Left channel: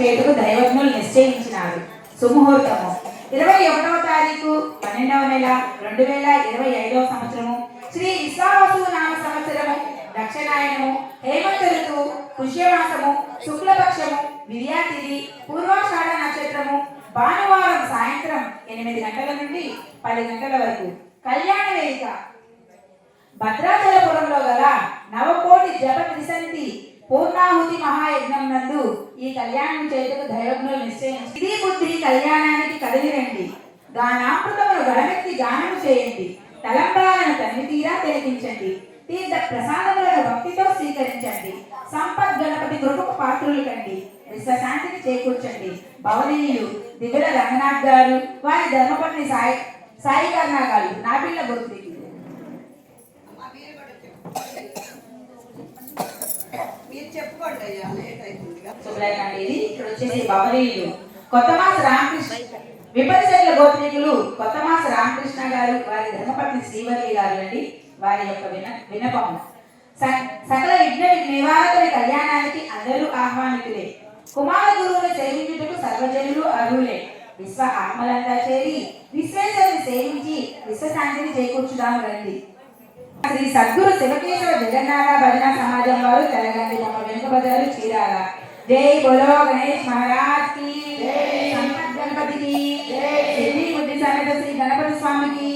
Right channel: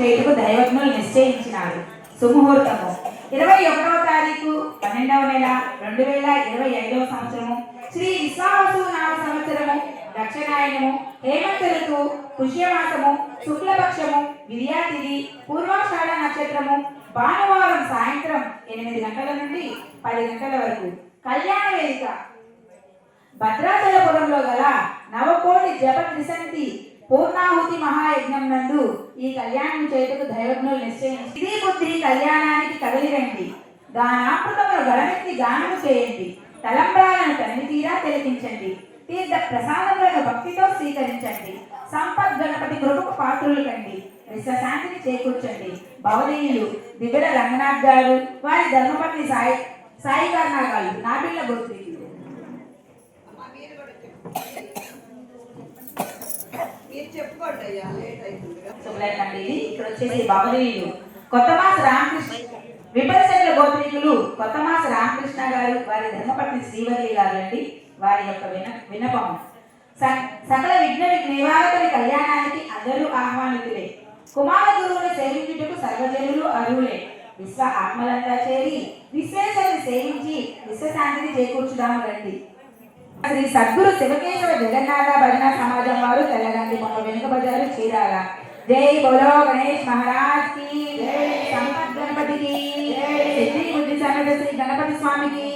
చేతుకు దైవజ్ఞులు నిశ్చయించినాడు. సుముహూర్తము 21వ తారీఖు 12వ నెల 2025వ సంవత్సరము శ్రీ విశ్వావసు నామ సంవత్సరము దక్షిణాయనము హేమంత ఋతువు పుష్యమాసము శుక్లపక్షము విద్యాతిథి పూర్వాషాఢ నక్షత్రము భానువారం సాయంత్రం 8 గంటల నుండి 10 గంటల వరకు. కళ్యాణ వేదిక భద్రాచలపురంలో గల నవకోటి జప త్రిసంతి పూర్ణాహుతి మహాయజ్ఞం నందు ఈ కళ్యాణం చేయుటకు దైవజ్ఞులు నిశ్చయించి ఇది బుద్ధి కళ్యాణానికి కదిలి రండి. గానామృతమును గడమెత్తి గానము చేయండి. తలంబ్రాలను తనితీరా తిలకించండి. తీర్థ ప్రసాదములను భక్తితో స్వీకరించండి. సంపత్ గణపతి కృపకు పాత్రులు కండి. విశ్వశాంతిని చేకూర్చండి. భవనీయులు దివ్య రంగనాథ్ గారు, వారి ధర్మపత్ని సాయి కర్ణ గారు, నా పిల్ల గోత్రి ఇక్కడ వచ్చేసి భవనీయులు కొత్తమాస రామకృష్ణ విపరిశైల గోత్రికులు కొత్తమాస రామకృష్ణ గారు, వారి ధర్మపత్ని శ్రీవల్లి గారు అండి. వారి యొక్క విన్నపము సకల విఘ్న నివారకుని కళ్యాణానికి అందరూ ఆహ్వానితులే. కుమార గురువును సేవించుటకు సర్వజనులు అర్హులే. విశ్వ ఆత్మలంతా చేరి విశ్వేశ్వరుని సేవించి విశ్వశాంతిని చేకూర్చుదాము రండి. శ్రీ సద్గురు శివకేశవ జగన్నాథ భజన సమాజం వారు తెలంగాణ బొమ్మ వెనుక బజారు చీరాల. జై బోలో గణేష్ మహారాజ్ కి, సంపత్ గణపతికి, సిద్ధి బుద్ధి సమేత శ్రీ గణపతి స్వామికి,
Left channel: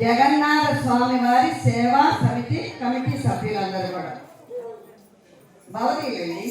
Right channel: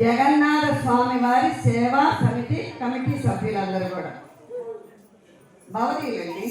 జగన్నాథ స్వామి వారి సేవా సమితి కమిటీ సభ్యులందరూ కూడా భవనీయులండి.